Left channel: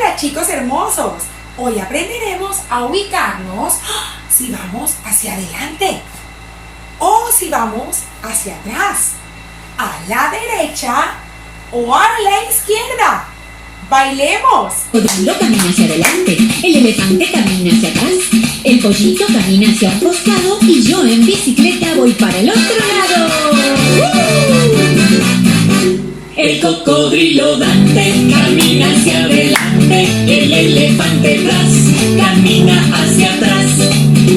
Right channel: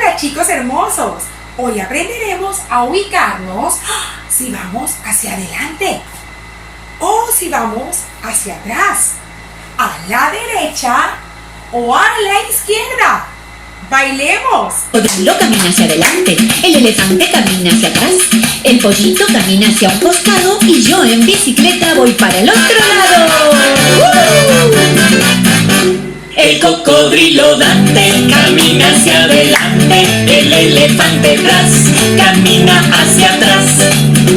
Hola chicos hermosos, hoy aprenderemos a ubicarnos si vamos hacia adelante o si vamos hacia atrás, a la derecha o a la izquierda. ¡Bailemos! El cocodrilo camina hacia adelante, el elefante camina hacia atrás, el pollito camina hacia un costado y yo en bicicleta voy para el otro lado. El cocodrilo Dante camina hacia adelante, el elefante atrás camina hacia atrás,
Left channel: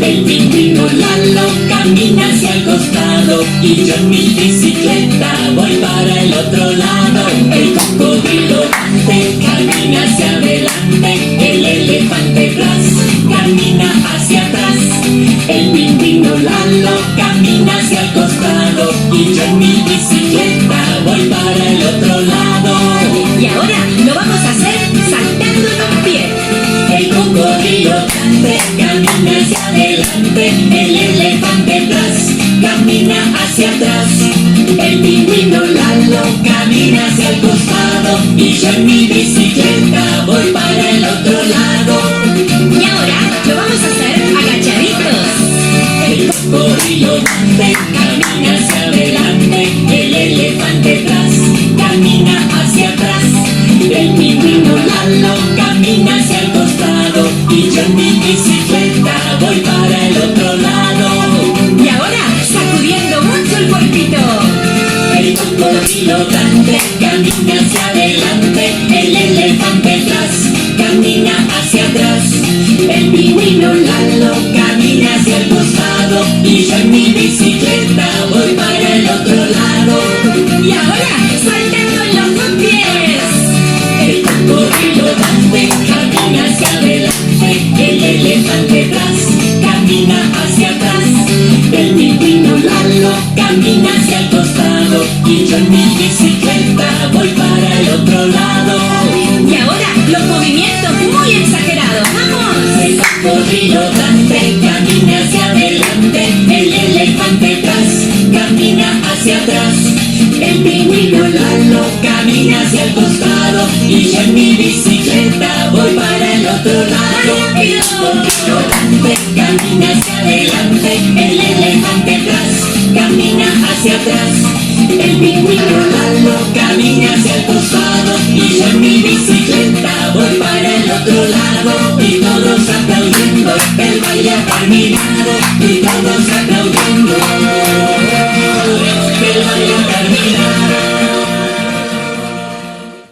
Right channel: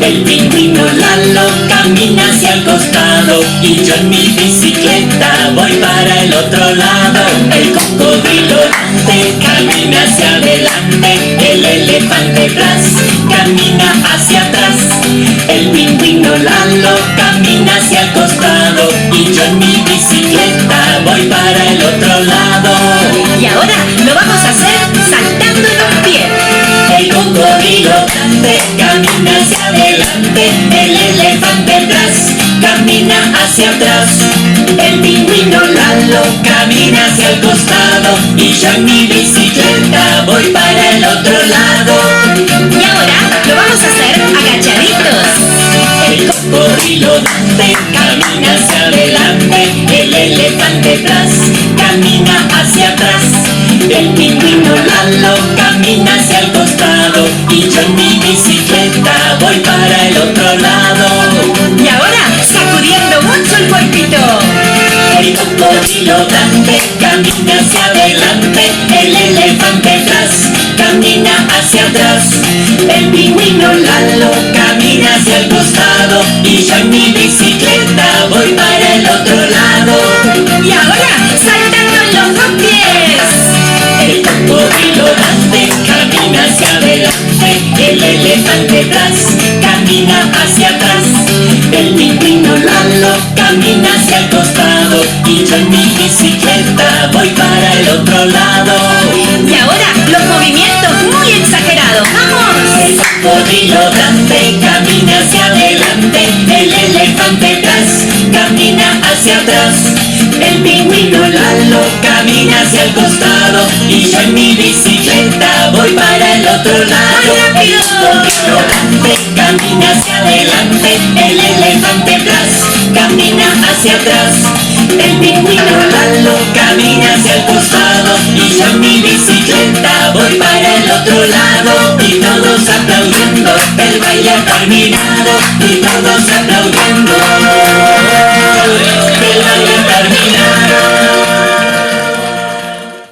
el pingüino Lalo camina hacia el costado y yo en mi bicicleta voy para el otro lado. El cocodrilo Dante camina hacia adelante, el elefante atrás camina hacia atrás, el pingüino Lalo camina hacia el costado y yo en mi bicicleta voy para el otro lado. Y ahora lo vamos a hacer saltando con pie. El cocodrilo Dante camina hacia adelante, el elefante atrás camina hacia atrás, el pingüino Lalo camina hacia el costado y yo en mi bicicleta voy para el otro lado. Y ahora lo vamos a hacer agachaditos. El cocodrilo Dante camina hacia adelante, el elefante atrás camina hacia atrás, el pingüino Lalo camina hacia el costado y yo en mi bicicleta voy para el otro lado. Y ahora sacudiendo mucho el cuerpito. El cocodrilo Dante camina hacia adelante, el elefante atrás camina hacia atrás, el pingüino Lalo camina hacia el costado y yo en mi bicicleta voy para el otro lado. Y ahora saltando en los dos pies. El cocodrilo Dante camina hacia adelante, el elefante atrás camina hacia atrás, el pingüino Lalo camina hacia el costado y yo en mi bicicleta voy para